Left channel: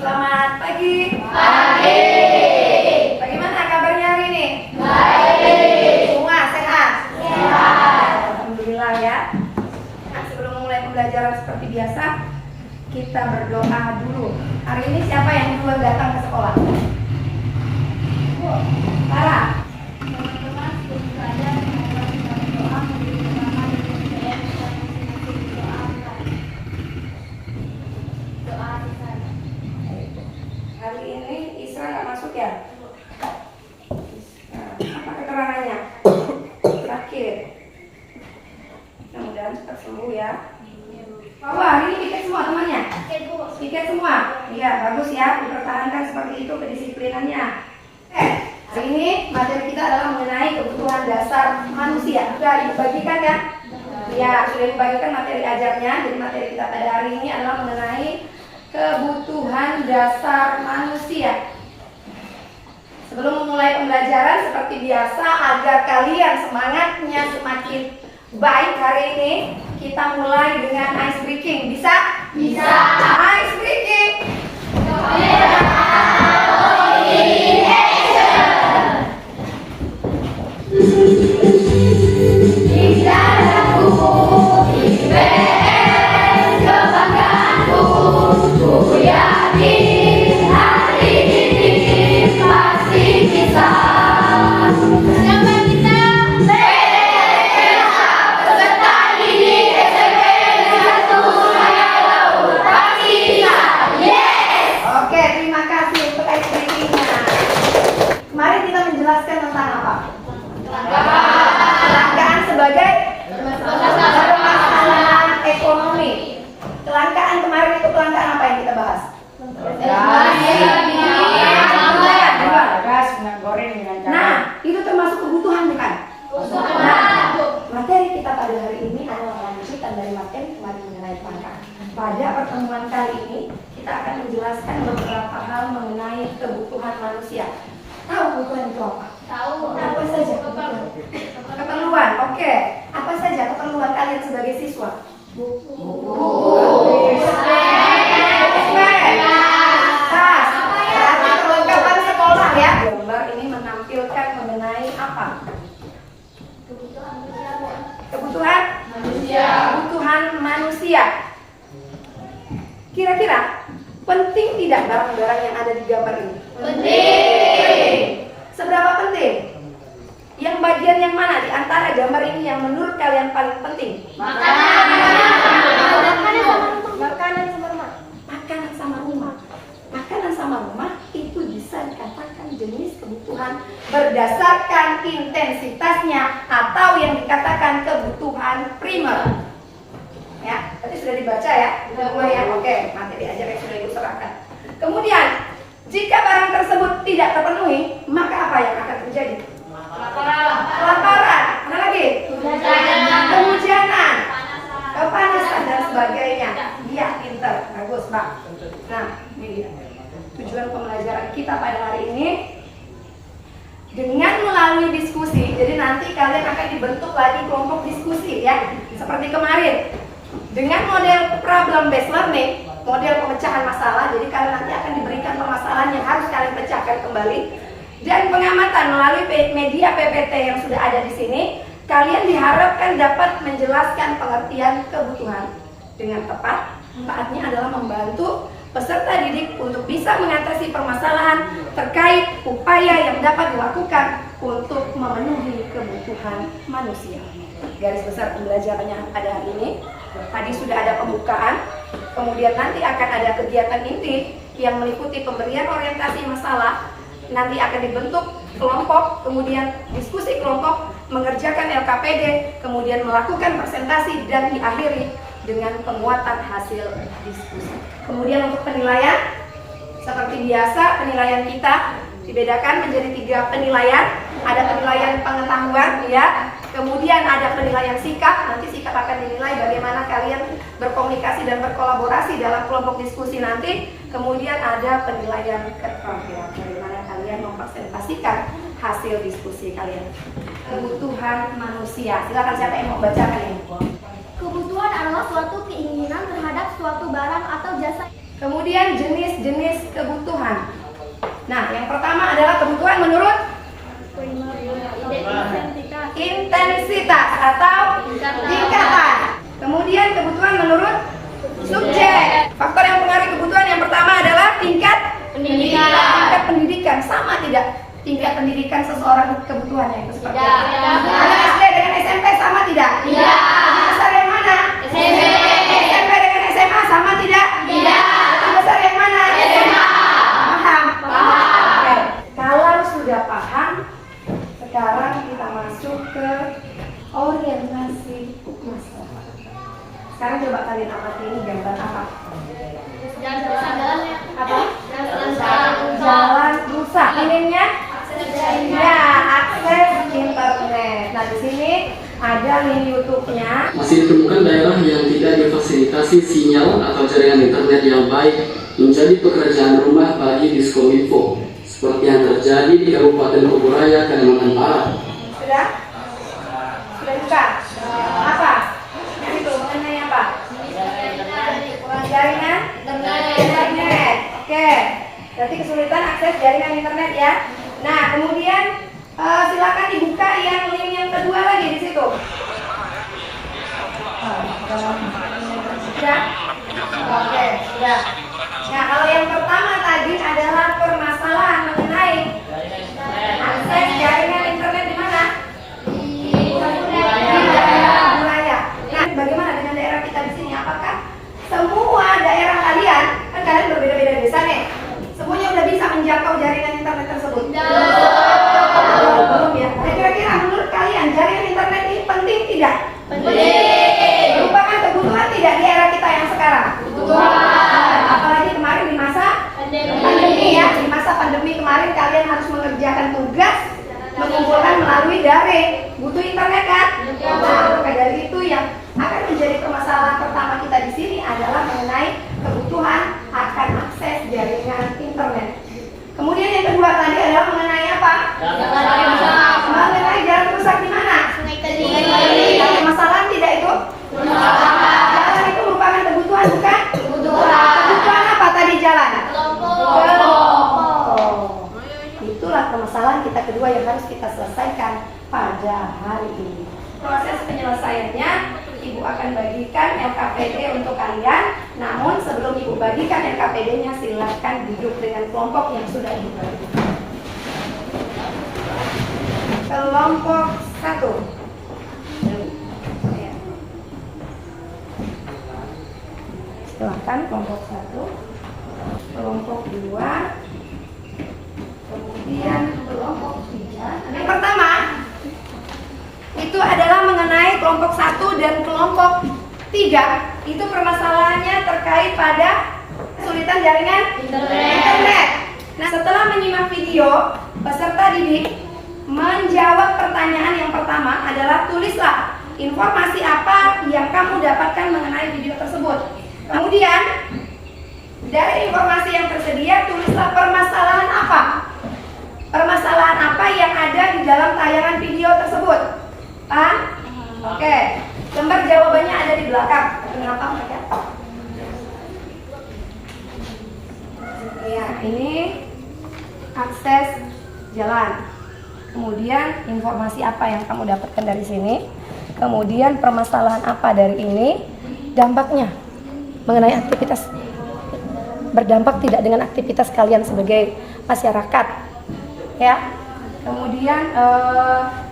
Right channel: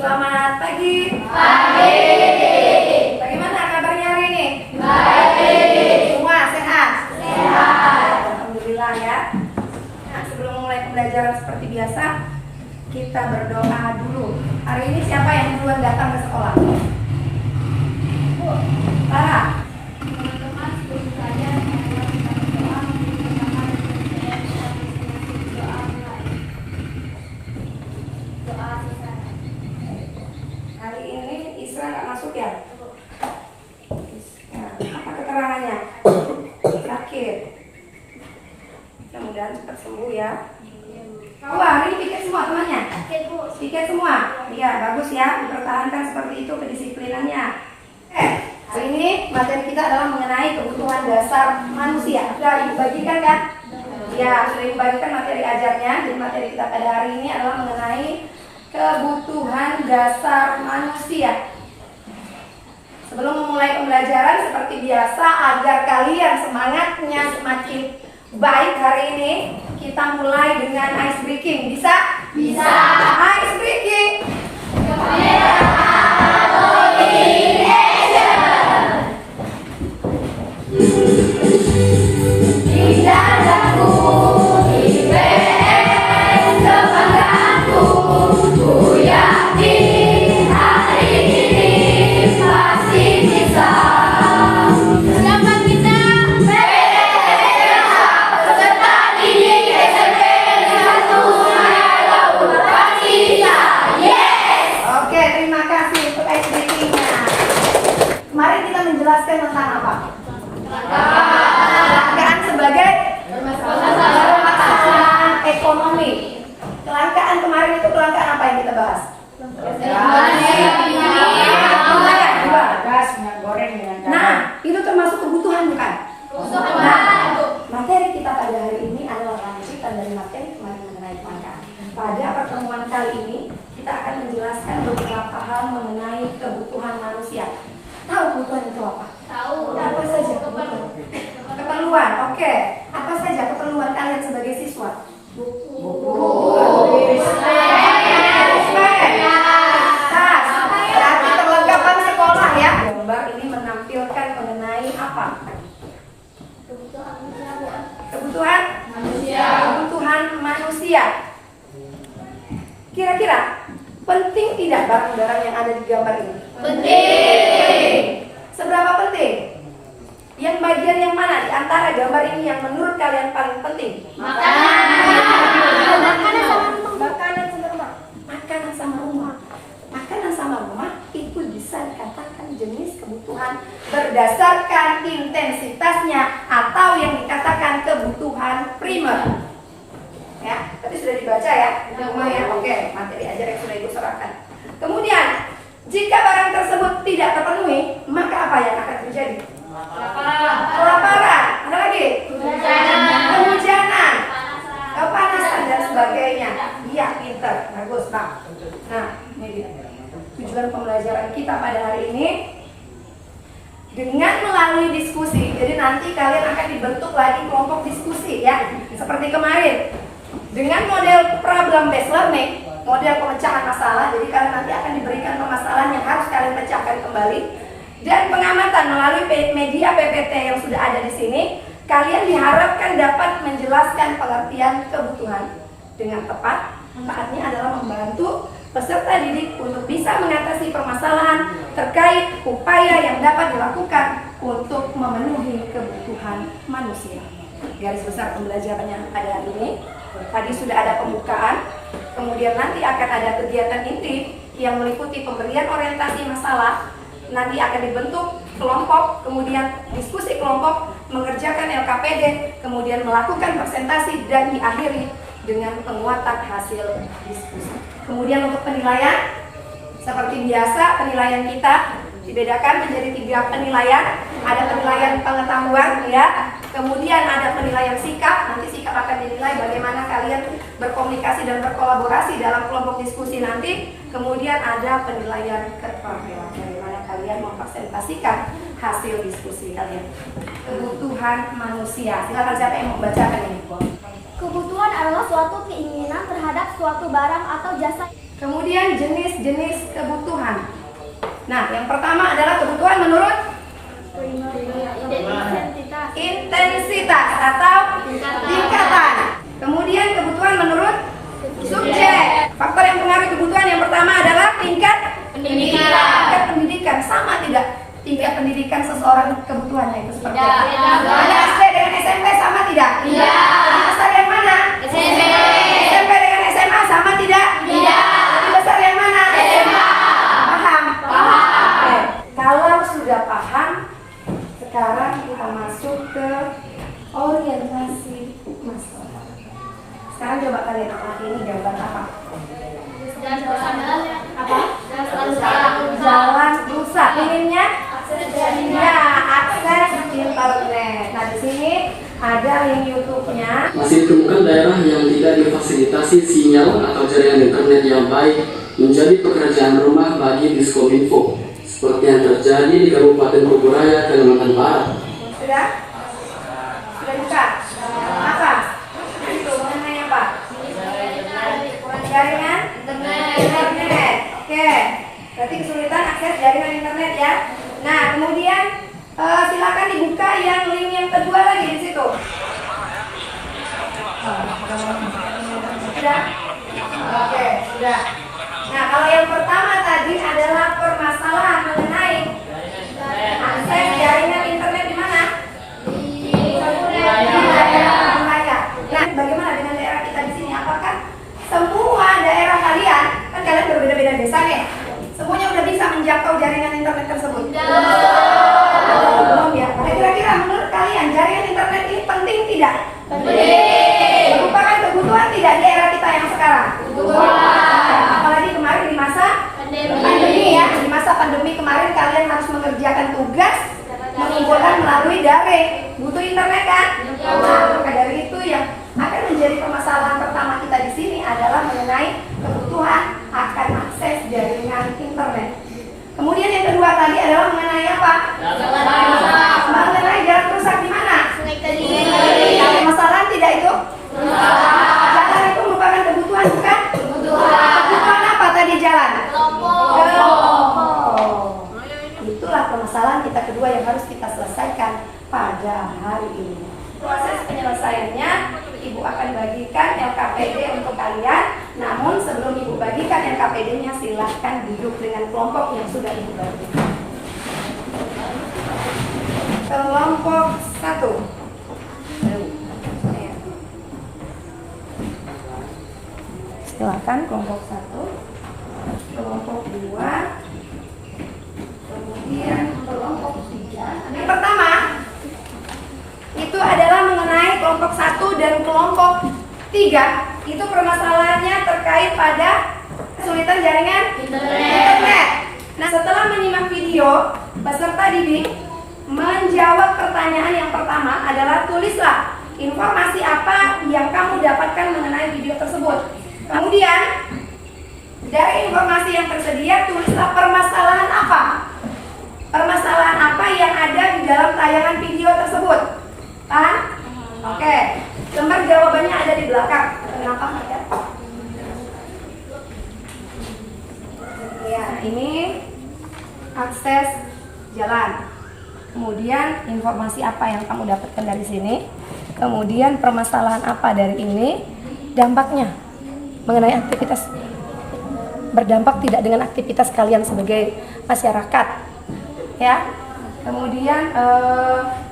Selamat pagi. Pagi. Bagaimana kabarnya hari ini? Baik. Semua sehat? Sehat. Alhamdulillah ya. Nah, sebelum memulai pembelajaran seperti biasa, kita berdoa dulu. Hari ini siapa yang duluan datang ke sekolah? Lara. Teman-teman sebelum belajar mengulang doa memberi pertama dan UTM dan masing-masing doa mulai. Doa sisanya. Hari ini Isra nggak masuk ya? Nah, apa keterangannya? Sakit. Mudah-mudahan cepat sembuh ya. Wah, hari ini tiket semua temannya? Tiket semua? Iya, bagus ya. Dipertahankan seperti itu kedisiplinannya. Hari ini materi kita adalah mengenai kebutuhan dasar manusia. Sudah dibagikan kan? Ya, sudah dibagikan materi ajarnya. Jadi materi kita pada hari ini adalah mengenai kebutuhan dasar manusia. Sebelum memulai pembelajaran seperti biasa, agar kalian semangatnya semakin baik hari ini, kita mulai dengan ice breaking. Bisa? Bisa. Ice breaking. Di dalamku, IPS kebanggaanku, ku yakin hari ini pasti bisa. Siapa kita? Peserta didik SMP satu Laut pasti bisa. Yes. Oke, terima kasih untuk ice breaking-nya. Kemarin kita menjelaskan tentang apa? Kelangkaan sebagai permasalahan ekonomi. Kelangkaan kemarin itu kelangkaan apa yang kita bahas? Gas, minyak goreng, dengan Nah, itu termasuk kebutuhan bukan? Nah, materi kita pada hari ini adalah lanjutan dari materi kemarin mengenai kelangkaan. Pada pertemuan kali ini kita akan menjelaskan beberapa hal mengenai kebutuhan manusia. Tahu kebutuhan itu apa? Tahu. Apa saja kebutuhan? Keperluan, oke. Apa saja keperluan kalian sebagai siswa? Tas. Berarti perlengkapan sekolah ya. Gambar ini menampilkan mengenai apa? Kebutuhan manusia, Bu. Kebutuhan? Kebutuhan manusia. Kira-kira penting tidak barang-barang yang ada di gambar ini? Penting. Seberapa penting? Yang bagian yang mana di antara gambar ini yang menurut kalian paling penting? Makanan sama rumah. Makanan sama rumah itu bisa dikatakan jenis kebutuhan berdasarkan intensitasnya atau yang dikatakan kebutuhan primer. Ya, tadi sudah dibaca ya. Semua ya. Oke, materi ajar yang sudah ibu serahkan. Kemudian, jika barang tersebut tidak terpenuhi, maka apa yang akan terjadi? Kelaparan. Ada lagi? Kehujanan. Kepanasan dan sebagainya. Iya, pinter. Bagus, Pak. Nah, ini dia. Tujuan pembelajaran kita pada hari ini dengan melalui diskusi. Jadi nanti kalian akan dibentuk lagi kelompok diskusi ya, seperti kemarin. Dengan model problem based learning, model pemecahan masalah. Jadi kalian nanti akan diberikan permasalahan yang harus kalian pecahkan kembali. Dan pengamatan melalui media PPT yang sudah ada di sini, kalian diharapkan dapat menjelaskan pengertian kebutuhan dengan tepat. Saatnya adalah membantu peserta didik untuk bisa mengatasi permasalahan terkait upaya yang dapat dilakukan untuk memenuhi kebutuhan manusia. Garis besar pembelajarannya pada hari ini. Tadi sudah ada pembukaan, kemudian nanti akan ada kegiatan inti yang meliputi pemberian orientasi masalah. Nanti akan dibentuk kelompok, kemudian diskusi kelompok, mengerjakan LKPD, kemudian melakukan presentasi dan diakhiri dengan penguatan hasil diskusi. Kemudian untuk penilaian, seperti biasa penilaian kita dibedakan menjadi 3 penilaian. Ada penilaian pengetahuan ya, kemudian ada penilaian sikap. Nanti sikap akan dinilai bagaimana kalian berkomunikasi dan berkolaborasi dalam kelompok diskusi nanti. Kemudian ada penilaian keterampilan, bagaimana kalian mempresentasikan hasil diskusi kalian. Kebutuhan manusia. Silakan siapa yang mau bacakan ini? Kebutuhan adalah suatu keinginan terhadap suatu barang atau jasa. Kemudian jenis-jenis kebutuhan. Nah, yang pertama adalah kebutuhan menurut intensitas atau tingkatan. Kemudian kebutuhan menurut subjek. Faktor yang mempengaruhi kebutuhan yang pertama adalah tingkat pendidikan. Tingkat pendidikan sama tidak? Tingkat pendidikan seseorang kebutuhannya itu seperti apa? Ada SD dengan SMP sama tidak? Tidak. Lebih besar yang mana? SMP. SMP dengan SMA sama tidak? Tidak. Lebih besar yang mana? SMA. Paham? Oke. Kalau sudah paham, sekarang kita masuk ke orientasi masalah. Sekarang coba kalian amati ini gambar apa? Apa? Jalan rusak. Minimnya? Ya, akses internet. Nah, di sini ada link YouTube-nya. Masih ditemukan daerah yang tidak difasilitasi sinyal atau jaringan internet yang baik menjadi pekerjaan rumah bagi Diskominfo, seperti yang terjadi di Kabupaten Bogoraya, Kalimantan Barat. Sudah? Sudah buka? Apa? Itu mengenai apa? Jaringan internet. Oke. Berarti kesulitan akses jaringan internet ya. Nah, kemudian silakan dibuka yang link yang kedua lagi di situ. Sudah? Oke, sudah. Nah, kalau yang pertama tadi adalah permasalahan mengenai akses jaringan internet di mana? Di daerah wilayah. Nah, bagaimana dengan daerah kita di sini? Apakah semua daerah kalian, kan kalian berbeda-beda desa nih, semuanya udah bisa menjangkau jaringan internet tersebut? Belum ya. Nah, kira-kira menurut kalian jaringan internet ini penting tidak? Penting. Merupakan kebutuhan tidak di era kita yang sekarang? Kebutuhan. Apalagi kemarin di masa pandemi ya. Di masa pandemi kemarin kalian harus mengerjakan tugas mengumpulkan melalui daring. Butuh internet kan? Nah, maka dari itu yang akan menjadi permasalahan pertama kita di sini adalah mengenai kebutuhan akan akses jaringan internet. Kemudian yang kedua tadi adalah mengenai apa? Mengenai jalan rusak di mana? Ada permasalahan tidak itu? Jalan itu merupakan kebutuhan bukan? Kebutuhan apa tadi jalan? Kelompok. Itulah permasalahan kita kedua yang harus kita selesaikan pada hari ini. Proses penyelesaiannya, Ibu akan bagikan LKPD untuk kalian. Namun sebelum Ibu bagikan LKPD-nya, silahkan duduk dengan kelompok yang sudah Ibu bagi. Kelompok 1. Silakan kelompok 1, kelompok 2, kemudian kelompok 3. Yang pertama itu adalah mengenai kelompok 1 dan kelompok 3. Itu permasalahannya terkait pada kesulitan jaringan internet. Nah, setelah menyimak video, peserta didik menjawab pertanyaan yang pertama adalah tulislah informasi apa yang kamu dapatkan mengenai video tersebut. Kemudian dari informasi yang tersedia, tulislah permasalahan apa. Permasalahan apa yang ada di dalam tayangan video tersebut. Paham? Oke. Lembar jawabannya ada di belakang. Kenapa? Ya, ini akses jalan. Kemudian informasi apa yang kamu dapatkan dari sini. Kemudian permasalahan apa dari ini. Dampaknya mengenai aktivitas, berdampak tidak dengan aktivitas kalian sebagai masyarakat, ya. Kemudian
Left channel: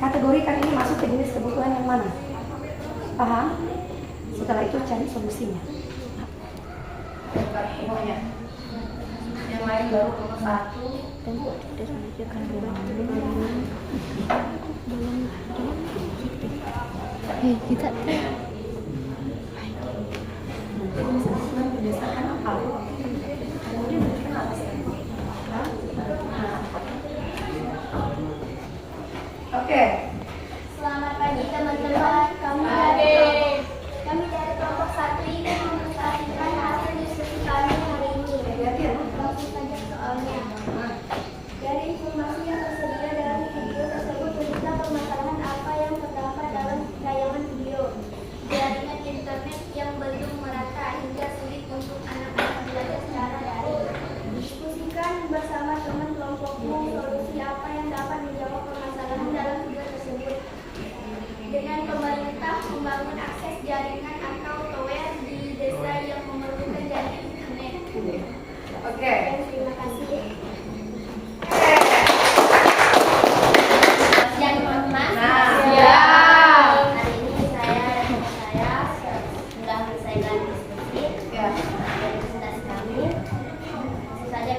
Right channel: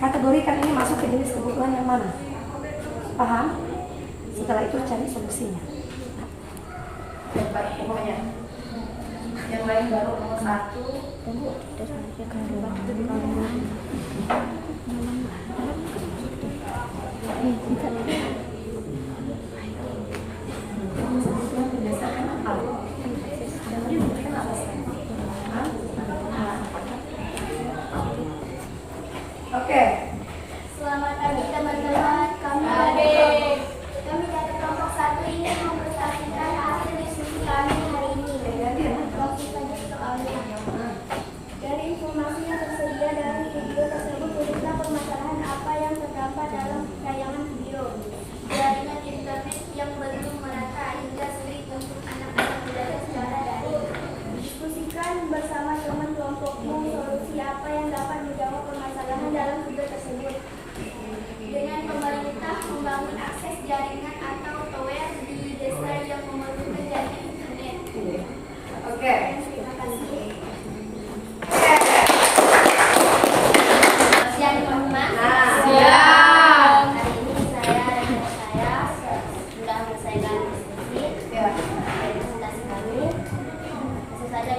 kategorikan ini masuk ke jenis kebutuhan yang mana, paham? Setelah itu cari solusinya. Semuanya. Yang lain baru nomor 1. Oke. Selamat pagi teman-teman. Kami dari kelompok 1 ini mempresentasikan hasil diskusi kami hari ini. Langsung saja soalnya. Dari informasi yang tersedia dari video tersebut, tulislah permasalahan apa yang terdapat dalam tayangan video. Jaringan internet yang belum merata hingga sulit untuk anak-anak belajar secara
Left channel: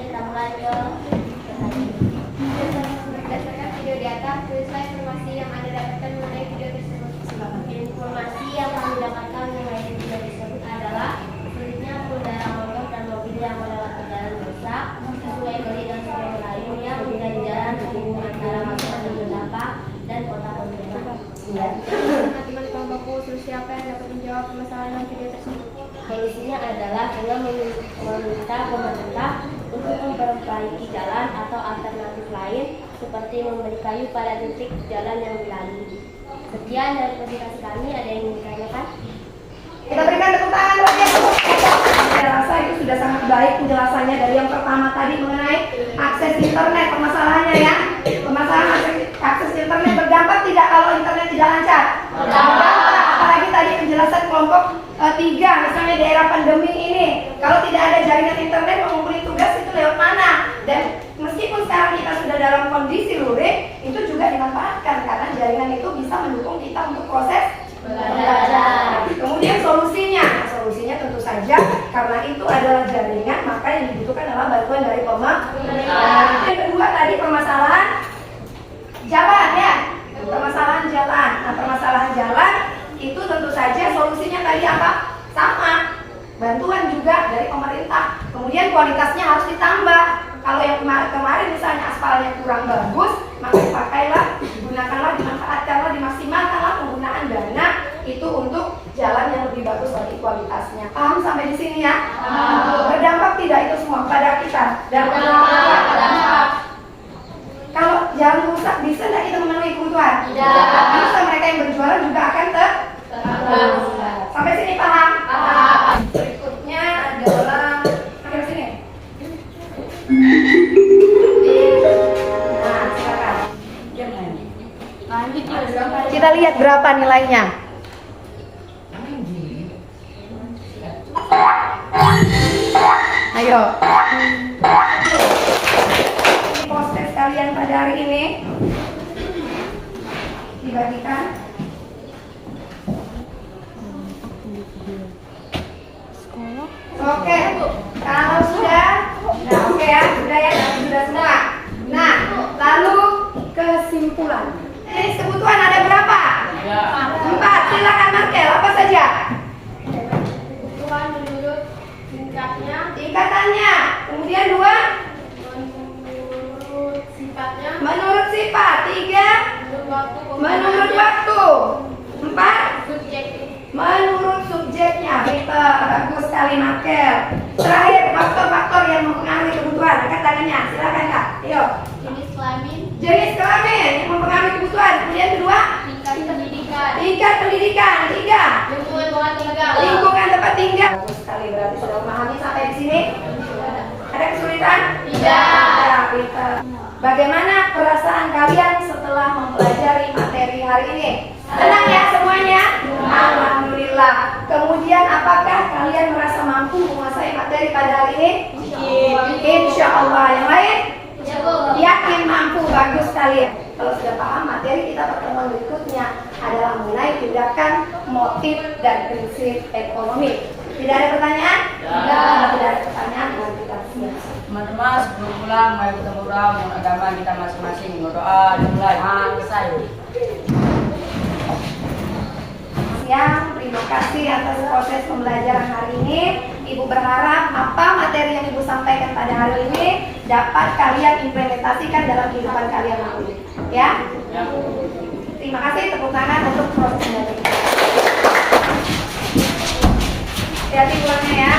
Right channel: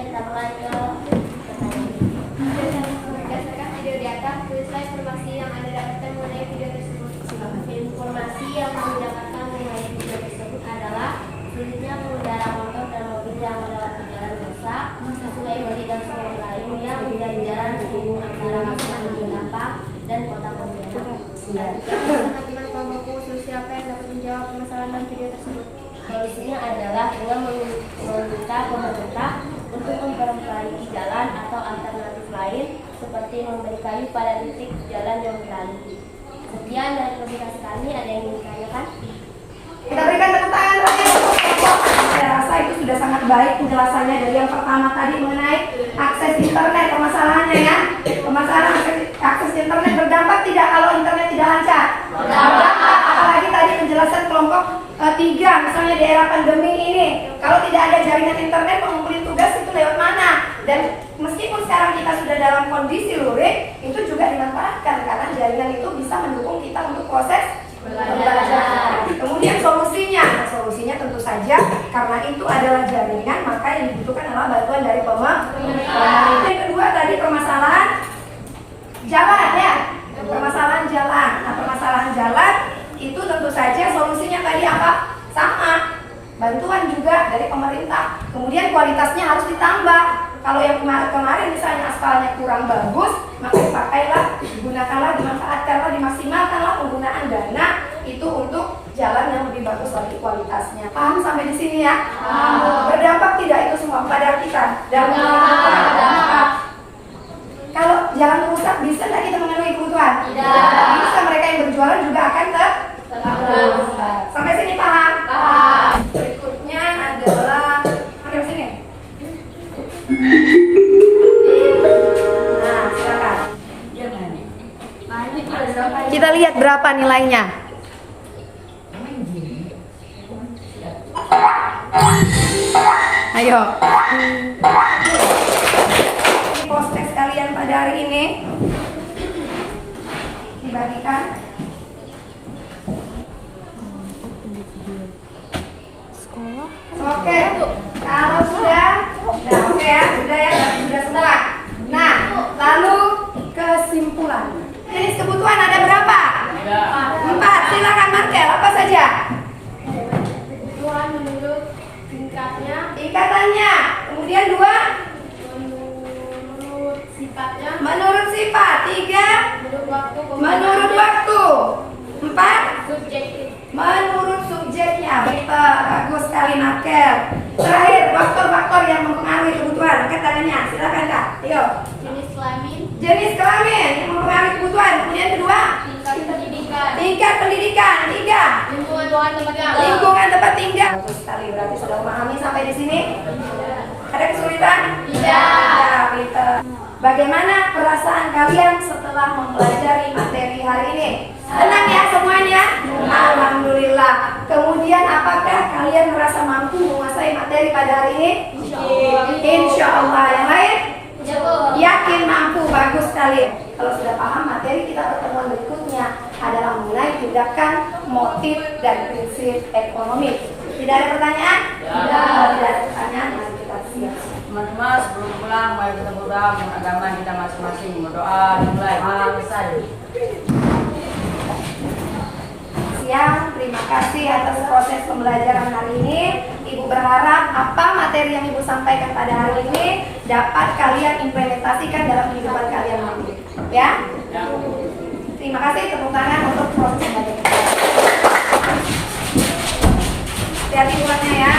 diterangkan ke berdasarkan video di atas, tulislah informasi yang Anda dapatkan mengenai video tersebut. Informasi yang kami dapatkan mengenai video tersebut adalah sulitnya pengendara motor dan mobil yang melewati jalan rusak sesuai dan sungai lain yang menjadi jalan penghubung antara kabupaten Berdampak dan kota Pontianak. Teman-teman kelompokku, solusi apa yang dapat menjawab permasalahan dalam video tersebut? Solusinya adalah dengan meminta pemerintah untuk memperbaiki jalan atau alternatif lain seperti memberi kayu pada titik jalan yang dilalui. Sekian dari presentasi kami. Ada yang ingin ditanyakan? Kita berikan tepuk tangan. Saya rasa itu sudah sangat baik penjelasannya dari yang pertama tadi mengenai akses internet. Permasalahannya ya, permasalahan akses internet berdampak tidak kalau internet tidak lancar? Berdampak. Apalagi tadi penjelasan kelompok 3, misalnya daerah pandemi ini, kalau tidak ada jaringan internet mengumpulkan tugas itu lewat mana? Dan meskipun sekarang kita sudah dalam kondisi luring, itu juga dimanfaatkan karena jaringan itu bisa mendukung kita untuk proses belajar. Kemudian solusinya tentu saja karena itu adalah jaringan, maka yang dibutuhkan adalah bantuan dari pemerintah. Yang kedua tadi permasalahan jalan ya, permasalahan jalan. Nah, permasalahan jalan itu tentu saja solusinya tadi apa? Sama, bantuan juga dari pemerintah. Kemudian kualitasnya harus ditambah. Kalau yang kemarin misalnya aspalnya kurang bagus, maka dipakailah, digunakanlah, dimanfaatkanlah, dimaksimalkanlah penggunaan dana itu untuk jalan yang lebih bagus lagi kualitasnya. Paham sampai di sini ya? Berdampak tidak itu semua pada kita? Berdampak. Kalau jalan rusak bisa tidak kita memenuhi kebutuhan? Tidak. Bisa, mereka yang berjualan juga akan terhambat. Sampai sini paham? Paham. Berikutnya adalah ke sini. Nah, silakan. Kita lihat berapa nilainya. Ayo. Ini proses kalian pada hari ini dibagikan. Oke, kalau sudah, nah oke ya, sudah semua. Nah, lalu kesimpulan. Jenis kebutuhan ada berapa? 4. Silakan Markel, apa saja? Kebutuhan menurut tingkatannya. Kemudian 2, menurut sifatnya, menurut sifat. 3, menurut waktu. 4, subjektif. menurut subjeknya. Pintar, bagus sekali Markel. Terakhir, faktor-faktor yang mempengaruhi kebutuhan. Angkat tangannya, silakan Kak. Ayo. Jenis kelamin, Jenis kelamin yang mempengaruhi kebutuhan. Kemudian kedua, tingkat pendidikan, tingkat pendidikan. 3, lingkungan tempat tinggal. lingkungan tempat tinggal. Bagus sekali, berarti sudah memahami sampai di sini. Ada kesulitan? Tidak. Ya, pintar. Bagaimana perasaan kalian setelah mempelajari materi hari ini? Senang ya semuanya? Alhamdulillah. Kemudian apakah kalian merasa mampu menguasai materi pada hari ini? Insya Allah. Yang lain? Yakin mampu. Bagus sekali. Kalau sudah paham materi, kita pertemuan berikutnya adalah mengenai tindakan, motif, dan prinsip ekonomi. Tidak ada pertanyaan? Kalau tidak ada pertanyaan, mari kita siap. Teman-teman, sebelum pulang, mari kita berdoa agama kita masing-masing. Berdoa dimulai. Selesai. Siap, terima kasih atas proses pembelajaran hari ini. Ibu berharap apa materi yang Ibu sampaikan pada hari ini dapat kalian implementasikan dalam kehidupan kalian nanti. Ya? Terima kasih, tepuk tangan untuk proses belajar kita. Hati-hati pulangnya ya.